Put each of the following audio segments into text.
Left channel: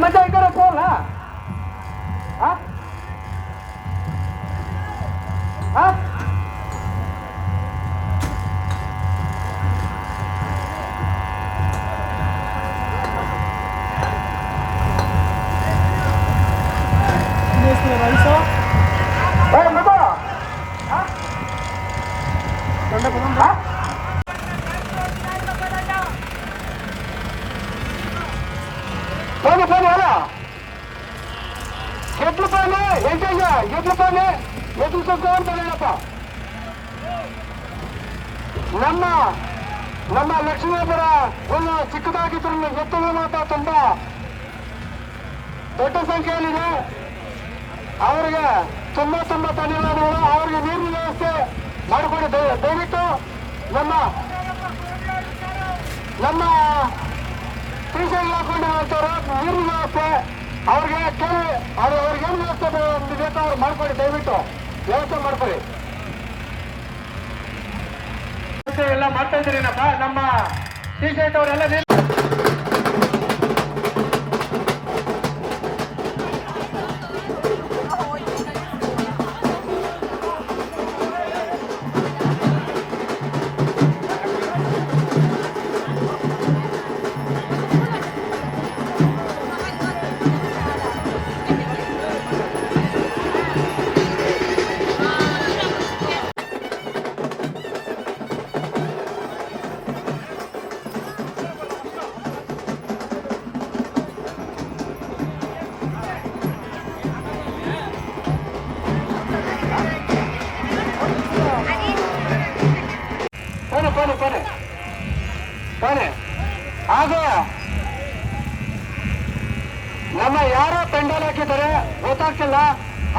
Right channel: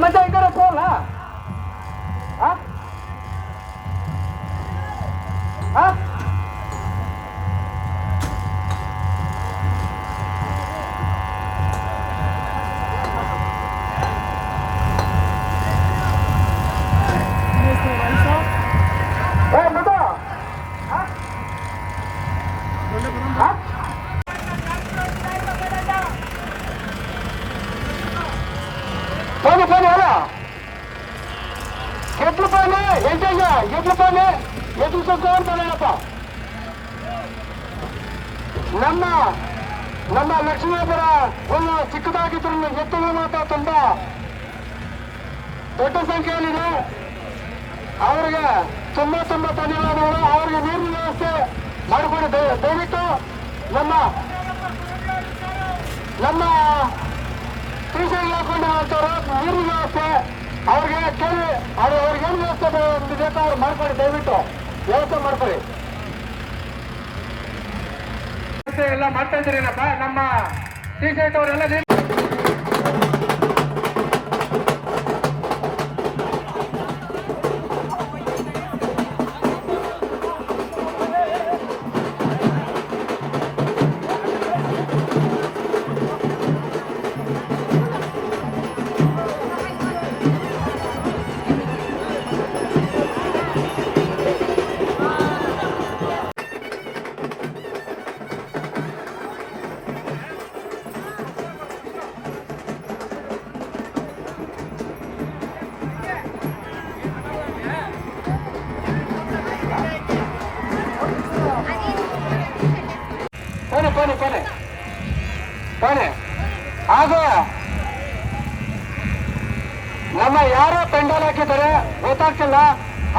मजा इधर खोल ನಮ್ಮ ಲಕ್ಷ್ಮೀಪುರ ಒಂದು ಚಿಕ್ಕದಾಗಿದ್ರು ಎತ್ತುಗಳು ಮಾತ್ರ ತುಂಬಾ ದೊಡ್ಡ ಸಂಖ್ಯೆಯಲ್ಲಿದೆ. ಅವರಿಗೆ ತುಂಬಾ ಧನ್ಯವಾದಗಳು. ಅವರಿಗೆ ನೀರಿನ ವ್ಯವಸ್ಥೆ ಮಾಡಿಕೊಡಿ ದಯವಿಟ್ಟು. ನಮ್ಮ ಟೀಶರ್ಟ್ ಹಾಕೊಂಡಿರುವಂತವ್ರು ನೀರಿನ ವ್ಯವಸ್ಥೆ ಅವ್ರಿಗೆ ಕೇಳಿ ಅವ್ರಿಗೇನು ವ್ಯವಸ್ಥೆ ಬೇಕೋ ಅವ್ರು ಮಾಡ್ಕೊಡಿ, ದಯವಿಟ್ಟು ವ್ಯವಸ್ಥೆ ಮಾಡ್ಕೊಡಿ. ಎಲ್ಲ ಮಾಡ್ತಾ ಇದ್ದೀರಿನಪ್ಪ ನಮ್ಮ ಟೀಶರ್ಟ್ ಅವರೆಲ್ಲ ಹಾಗೆ ನಮ್ಮ ಯಾರೋ ಪೆಂಡಾಲ್ ಹಾಕಿದ್ದಾರೆ ಗೊತ್ತಾಗ್ತಿಲ್ಲ,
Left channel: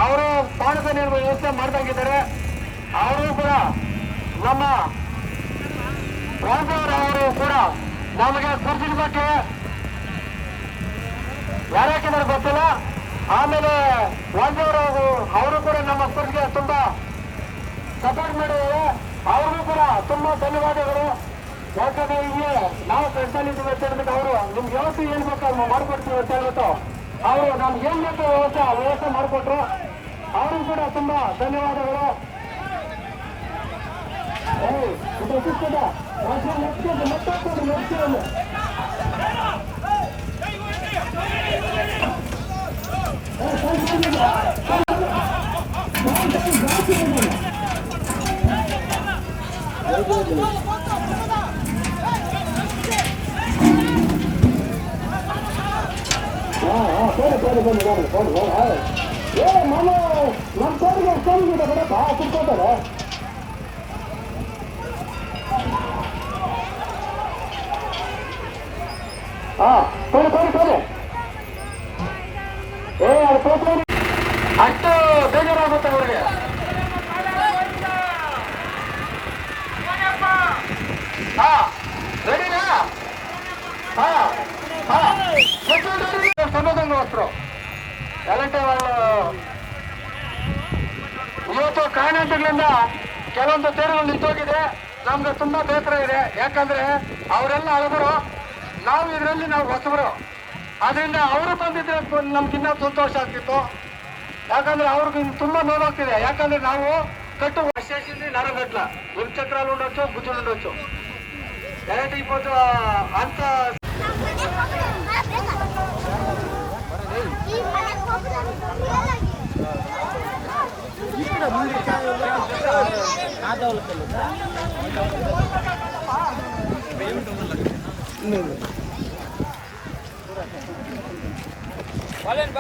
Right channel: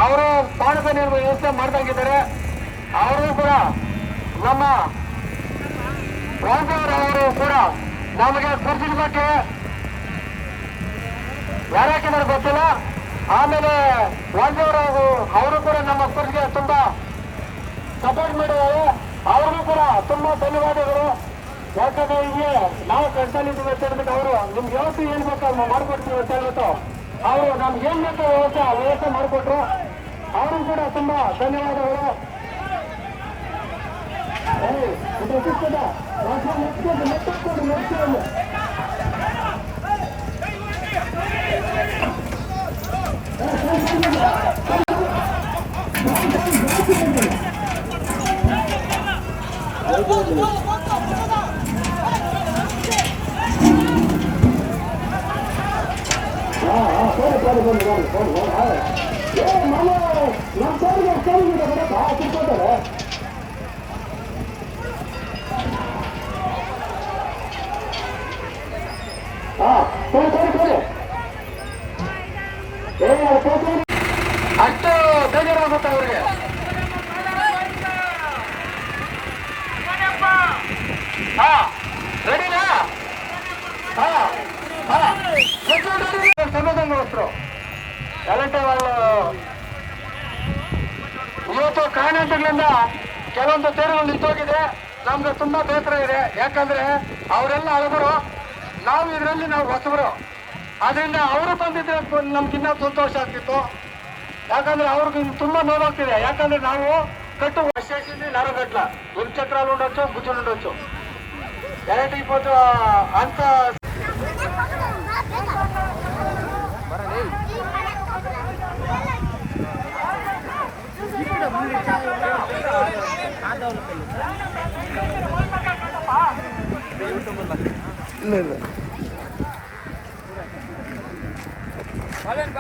ಅವರು ಪಾನಕ ನೀರು ವ್ಯವಸ್ಥೆ ಮಾಡ್ದಂಗಿದ್ದಾರೆ. ಅವರು ಕೂಡ ನಮ್ಮ ರಾಜವರು ಕೂಡ ನಮಗೆ ಗುರುತಿನ ಬಗ್ಗೆ ಯಾರು ಹಾಕಿದ್ದಾರೆ ಗೊತ್ತಿಲ್ಲ. ಆಮೇಲೆ ವಾಜವರು ಅವರು ಕೂಡ ನಮ್ಮ ಸ್ಪರ್ಧೆಗೆ ತುಂಬಾ ಸಪೋರ್ಟ್ ಮಾಡಿದ್ದಾರೆ. ಅವ್ರಿಗೂ ಕೂಡ ತುಂಬಾ ಧನ್ಯವಾದಗಳು. ಯಾಕಂದ್ರೆ ಈಗ ನಾವು ಕಷ್ಟಲ್ಲಿದ್ದೀವಿ ಅಂತ ಹೇಳ್ಬಿಟ್ಟು ಅವರು ನಿಮ್ಗೆ ವ್ಯವಸ್ಥೆ ಏನ್ ಬೇಕು ಮಾಡ್ಕೊಡ್ತೀವಿ ಅಂತ ಹೇಳ್ಬಿಟ್ಟು ಅವರು ನಮ್ಗೆ ಏನ್ ಬೇಕು ವ್ಯವಸ್ಥೆ ಮಾಡಿಕೊಟ್ರು. ಅವ್ರಿಗೂ ಕೂಡ ತುಂಬಾ ಧನ್ಯವಾದಗಳು. ಅಷ್ಟು ಬೇಜಾರಾಗುತ್ತೆ ಅವರಿಗೆ. రెడీనా సమాధానం వస్తారు ఎలాంటి వాళ్ళు ಇವತ್ತು ಕಾರಣಾಂತರಗಳಿಂದ ಕೆಲವೊಂದು ತೇರುಗಳು ನಿಂತೋಗಿದೆ. ನಮ್ಗೆ ತುಂಬಾ ಬೇಸರ ಇದೆ. ಯಾಕಂದ್ರೆ ಅವರೆಲ್ಲ ಹಳಬರು, ನಾವು ಹೊಸಬರು. ಆದ್ರಿಂದ ಅವರು ಬಂದಿದ್ರೆ ನಮ್ಗಿನ್ನ ಸಂತೋಷ ಆಗ್ತಿತ್ತು. ಯಾಕಂದ್ರೆ ಅವ್ರಿಗೆ ತುಂಬಾ ನೋವಾಗ್ತಿದೆ. ಯಾಕಂದ್ರೆ ನಾವು కట్టు వచ్చేసింది నరగట్ల ఇరుచక్రాలు ఉండొచ్చు, గుజ్జులు ఉండొచ్చు. డైరెక్ట్ ఇప్పుడు అంత ಬಲನ್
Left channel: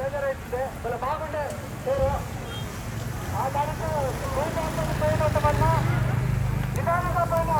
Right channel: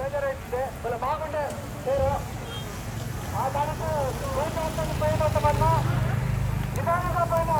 ಬೇಜಾರೈತಿದೆ ಬಾಗುಂಡೆ ಸೇರು ಆ దానికి నిదానంగా పైన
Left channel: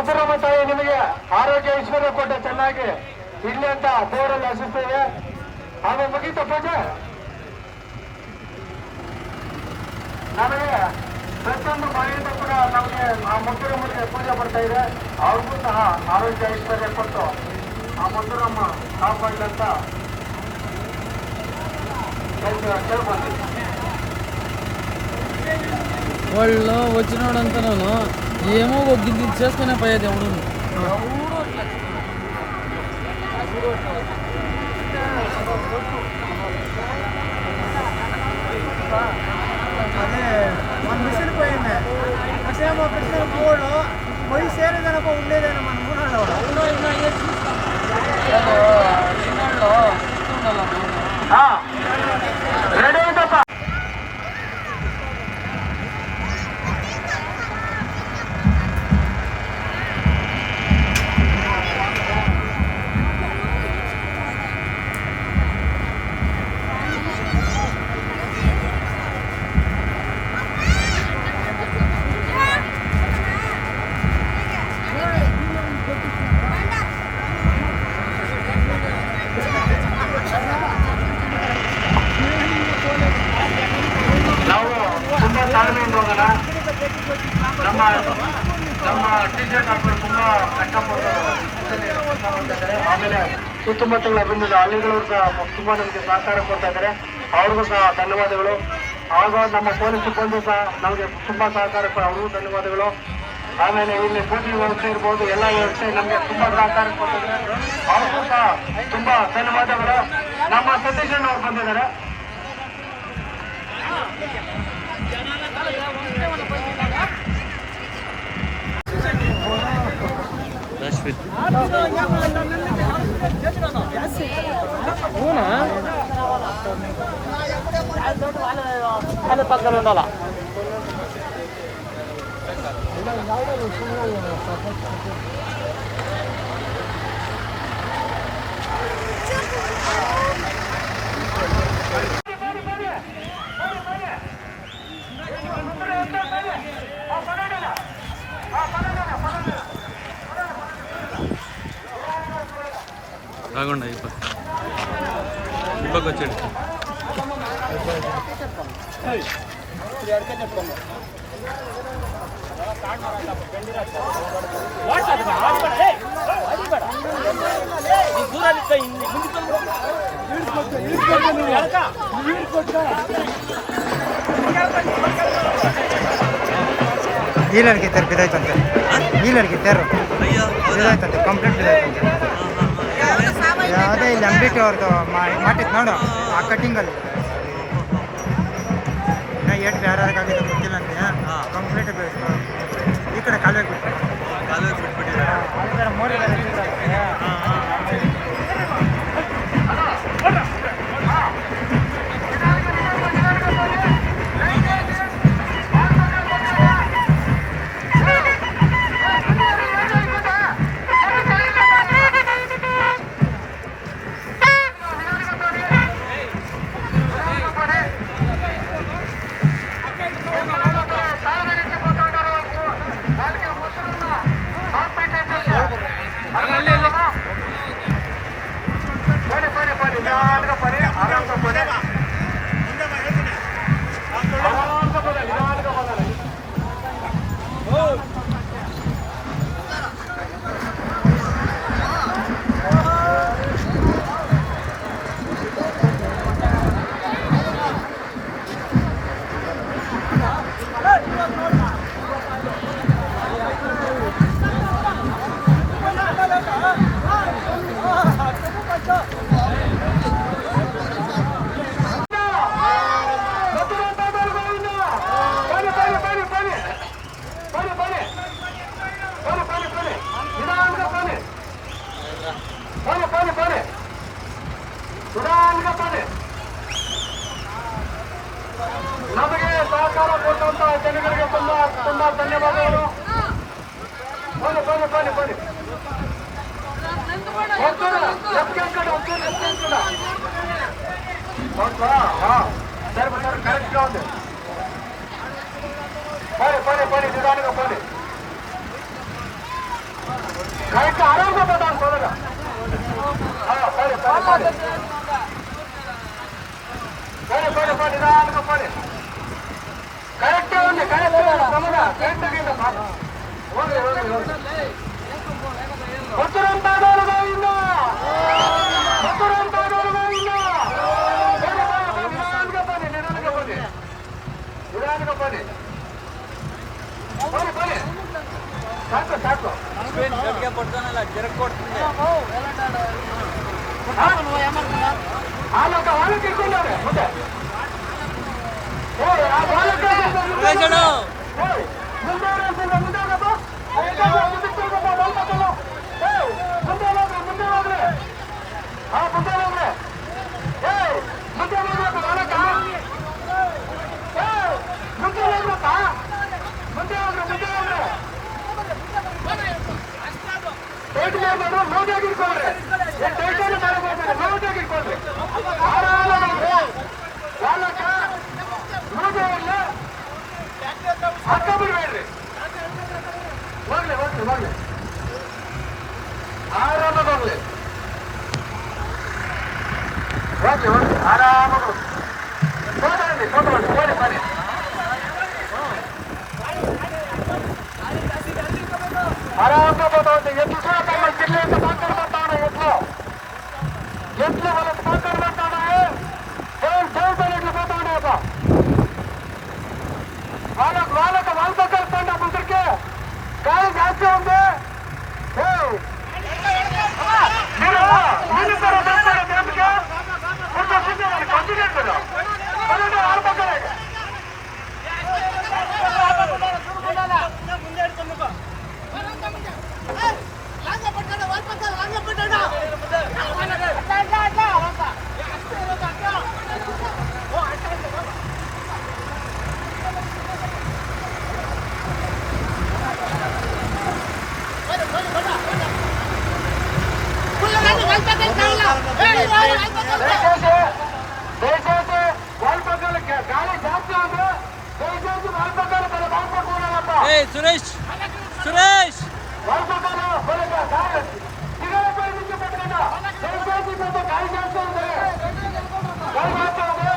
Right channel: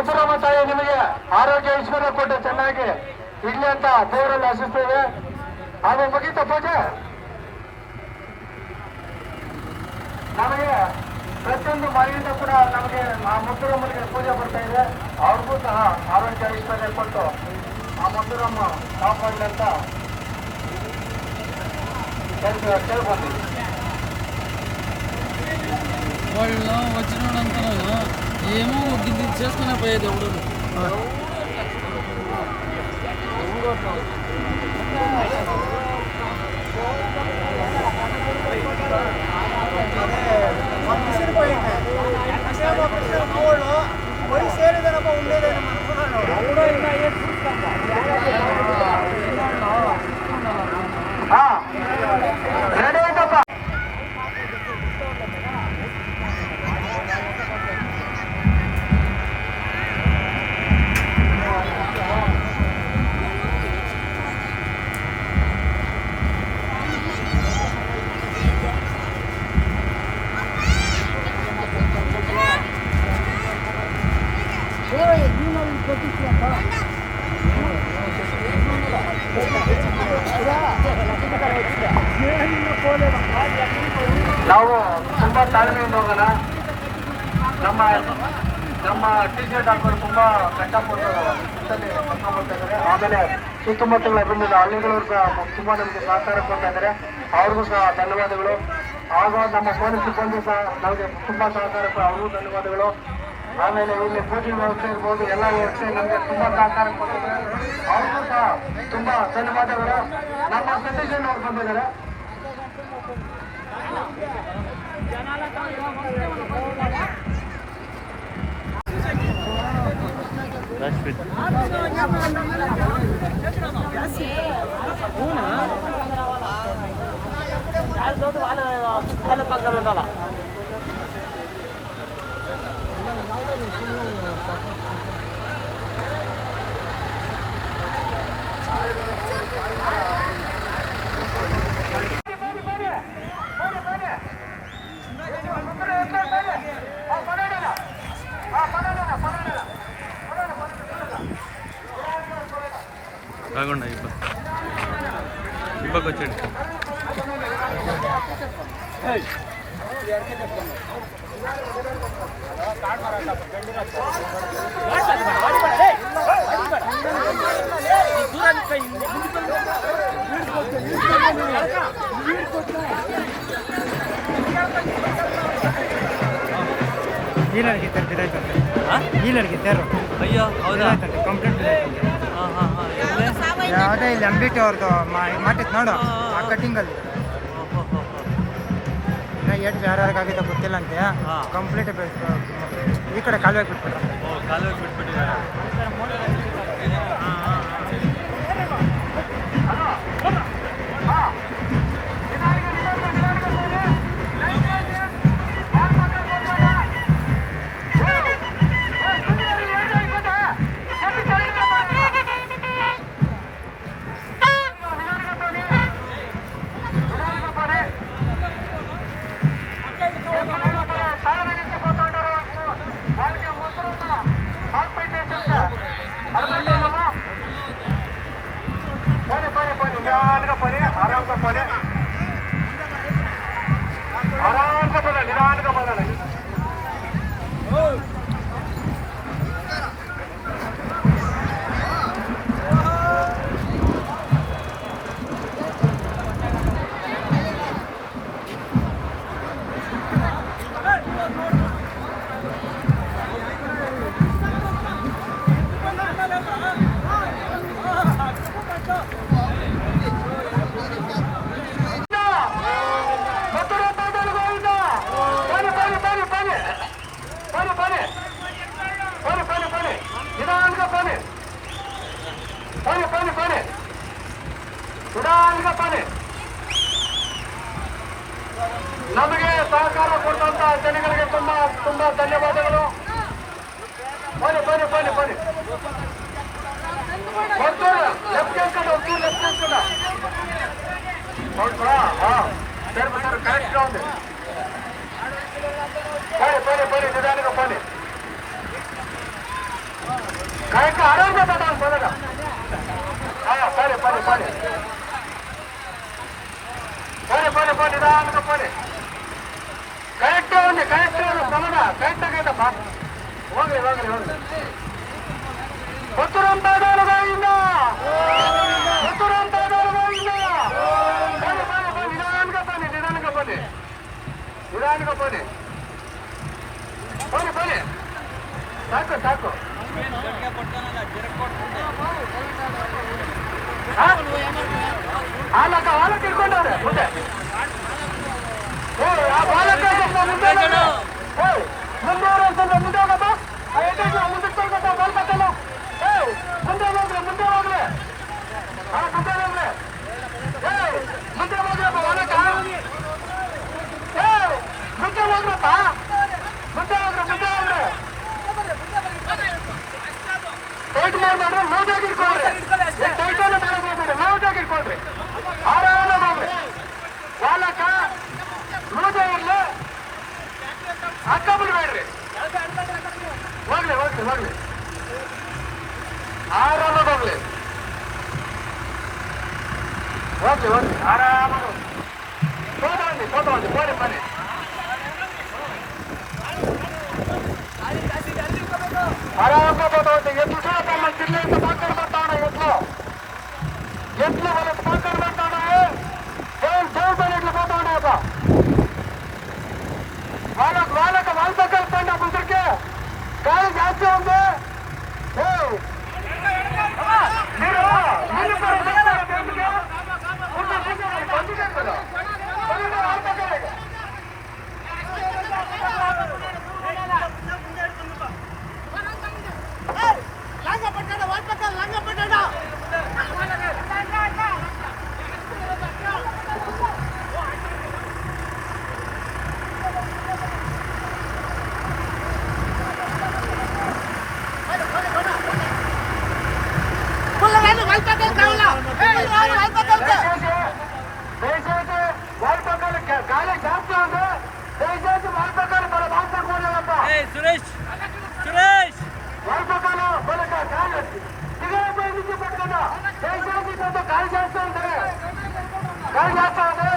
ಮುದ್ದುರಮ್ಮ ತಾಯಿ ನಿಮಗೆ ಆರೋಗ್ಯ ಐಶ್ವರ್ಯ ಕೊಟ್ಟು ಚೆನ್ನಾಗಿ ಇಡ್ಲಿ ಅಂತ ದೇವರಲ್ಲಿ ಆಶಿಸ್ತೇವೆ. ಅದು ಮುಗೀತ ಪೂಜೆ. ನಮಗೆ ಪ್ರತಿಯೊಂದು ಮನೆಯಿಂದ ಕೂಡ ನಮಗೆ ಆ ಮುದ್ದುರಮ್ಮನಿಗೆ ಪೂಜೆ ಬರ್ತಾ ಇದೆ. ಅವ್ರಿಗೂ ಸಹ ಆರೋಗ್ಯ ಐಶ್ವರ್ಯ ಕೊಟ್ಟು ಆ ಮುದ್ದುರಮ್ಮ ಕಾಪಾಡಲಿ ಅಂತ ಕೇಳ್ಕೊಂತೀವಿ. వాళ్ళు వచ్చినాడు అంటున్నాను ఏమో ఒగ్గింది చేసుకునే పోయేది అవును రెడీ అయితప్ప. ನಾವು ತುಂಬಾ ತಾಳ್ಮೆಯಿಂದ ಹೋಗೋಣ. ನಮ್ಮ ಟಿ ಶರ್ಟ್ ಹಾಕೊಂಡು ತುಂಬಾ ಕಷ್ಟಪಟ್ಟು ಕೆಲಸ ಮಾಡ್ತಾ ಇದ್ದಾರೆ. ಆಮೇಲೆ ಸುತ್ತಮುತ್ತಲ ಬಂದಿದ್ದ ಹಳ್ಳಿಗಳವರು ಸಹ ತುಂಬಾ ನಮಗೆ ಸಹಕಾರ ಕೊಡ್ತಾ ಇದ್ದಾರೆ. ಅವ್ರಿಗೂ ಸಹ ಧನ್ಯವಾದಗಳು. ಆಗ ನಮ್ಮ ಪೊಲೀಸ್ ಸಿಬ್ಬಂದಿ ಸಹ ನಮಗೆ ತುಂಬಾ ಸಹಕಾರ ಅವ್ರಿಗೂ ಧನ್ಯವಾದಗಳು. ಆಮೇಲೆ ಇಲ್ಲಿ ಪೂಜೆ ವ್ಯವಸ್ಥೆ ಇರ್ಬೋದು, ಎಲ್ಲ ವ್ಯವಸ್ಥೆ ನಮಗೆ ತುಂಬಾ ಸಹಕಾರ ಕೊಟ್ಟಿದ್ದಾರೆ. ಅವ್ರಿಗೂ ಸಹ ತುಂಬಾ ಧನ್ಯವಾದಗಳು. ನಮ್ಮ ಸತೀಶ್ ಅವ್ರು ಬಂದಿದ್ದಾರೆ. రాకుండా ఇప్పకి వచ్చాడు ಡೀಲರ್ಗೆ ಇದ್ದಾರೆ ಬಿದ್ದಾಯ್ತಂತೆ. ಡೀಲರ್ಗೆ ಇದ್ದಾರೆ ಅಯ್ಯೋ ಬಿದ್ದಾಯ್ತಂತೆ, ಕಂಪ್ಲೇಂಟ್ ಬಿದ್ದಾಯ್ತಂತೆ. ಯಾವುದೇ ಇಲ್ಲಿ ಅಂಬಿಕೆ ಅವ್ರದ್ದು ಮಾಡಿತ್ತು ನೋಡು ಆ ಕಟ್ಟಿಂಗಲ್ಲಿ. ಇನ್ನು ಏಟ್ ಯಾರ್ಯಾರಿಗಾಗಿದೆ ಗೊತ್ತಿಲ್ಲ ಅಂತೆ. ಕಂಪ್ಲೀಟ್ ಈ ಕಡೆ ಕಾಲುವೆ ಬಿಟ್ಬಿಟ್ರಂತೆ. ಕಾಲುವೆ ಬಿಟ್ಬಿಟ್ಟಿದ್ದಾರೆ. ನಮಗೆ ಸಹಕಾರ ಕೊಟ್ಟಂತ ಜನಗಳಿಗೆ ತುಂಬಾ ತುಂಬಾ ಧನ್ಯವಾದಗಳು. ಬನ್ನಿ ಬನ್ನಿ ಬನ್ನಿ ಬನ್ನಿ. ಸರ್ ಸರ್ ಕರೆಕ್ಟ್ ఉంది. ಬನ್ನಿ ಬನ್ನಿ ಬನ್ನಿ ನಿಧಾನಕ್ಕೆ ಬನ್ನಿ. ಕರೆಕ್ಟ್ ಆರೋಗ್ಯ ಪದ ಅಂತ ಹೋದಾಗ ಸರಿ ಪರಿ ಪರಿ ಪರಿ ಪರಿ ಪರಿ ನಿಧಾನಕ್ಕೆ ಪರಿ ಕರೆಕ್ಟ್ ఉంది ಕರೆಕ್ಟ್ ಪ್ರಮದ ಕರೆಕ್ಟ್ ಆಗೈತಪ್ಪ ಹೋಗ್ಲಿ ಹೋಗ್ಲಿ ಹೋಗ್ಲಿ ಗೊತ್ತಿರೋಂತಾದವರು ಗೋವಿಂದ ಗೊತ್ತಿರೋಂತಾದವರು ಗೋವಿಂದ ಬನ್ನಿ ಬನ್ನಿ ಬನ್ನಿ ನಿಧಾನಕ್ಕೆ ಬನ್ನಿ ನಿಧಾನಕ್ಕೆ ಬನ್ನಿ ನಿಧಾನಕ್ಕೆ ಬನ್ನಿ ಬನ್ನಿ ಬನ್ನಿ ಸಾಕು ಸಾಕು ಗಟ್ಟಿಗೆ ಕೊಡ್ತಾನಲ್ಲ ಜರಕ್ ಕೊಡ್ತಿದ್ದೆ ಹಾಲಕ್ಕೆ ಇಟ್ಕೊಂಡವ್ರೆ ಮುಂದೆ ಆ ಬಾಲಕ ಸ್ವಲ್ಪ ಮುಂದೆ ಮುಂದೆ ಸ್ವಲ್ಪ ಮುಂದೆ ಮತ್ತೆ ಮುಂದೆ ಬಾಲ್ ಮಕ್ಕಳು ಮುಂದೆ ಹೋಗ್ರೆ ಮುಂದೆ ಹೋಗ್ರೆ ಮುಂದೆ ಹೋಗ್ರೆ ಮುಂದೆ ಹೋಗ್ರಪ್ಪ ಬಾಲಕ ಮುಂದೆ ಹೋಗ್ರಪ್ಪ ಮುಂದೆ ಹೋಗ್ರೆ ಮುಂದೆ ಹೋಗ್ರೆ ಟೈಟ್ ಮಾಡ್ಬೇಡ್ರಿ ನೋಟಾಗಿ ಇಟ್ಕೊಳ್ರಿ ಏನ್ ಟೈಟನ್ನು ತರಬೇಡ್ರಿ ನೋಟಾಗಿ ಇಟ್ಕೊಳ್ರಿ ಆರಾಮಾಗಿ ಹೋಗ್ರಿ ಬಾಲಕ ನೋಟೇ ಇರ್ಲಿ ಹಾಕ ಬಿಡ್ಬೇಡ್ರಿ ಹೋಗ್ಲಿ ಹೋಗ್ಲಿ ಹೋಗ್ಲಿ ಆರಾಮಾಗಿ ಹೋಗ್ಲಿ ಹೋಗ್ಲಿ ಹೋಗ್ಲಿ ಆರಾಮಾಗಿ ಹೋಗ್ಲಿ ಫೋಟೋ ಬನ್ನಿ ಕೋಳಿ ಬನ್ನಿ ಆರಾಮ పోతుంది ఎట్లు చూడకమ్మ తిల్లేంత పక్కన పడతాడు ఎట్లు వాళ్ళ పక్కన పడతాడు దేవుడు ఎట్లు పోతాడు వాళ్ళకి వాళ్ళ పక్కన పండి ముందరికి గాలి జాస్తి ఉంది మీరు కొంచెం కదా వాళ్ళ పక్కన దయచేసి వాళ్ళ పక్కన గాలి జాస్తి ఉంది దయచేసి వాళ్ళ పక్కన మన బాట కూడదప్ప సురేష్ సురేష్ వాళ్ళ పక్కన వాళ్ళ గాలి సిగరెట్ నుంచి పట్టుకుంటా దయచేసి కొంత గాలి జాస్తి ఉంది గాలి జాస్తి ఉంది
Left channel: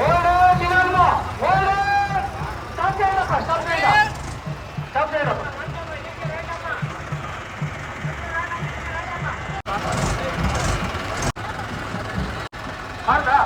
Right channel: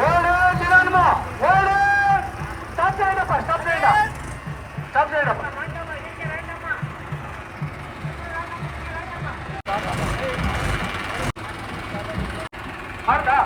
ఓడు నిదానమా ఓడు స్టాప్ చేయండప్ప స్టాప్ చేయండి స్టాప్ చేయండప్ప ಮಾಡ್ತಾ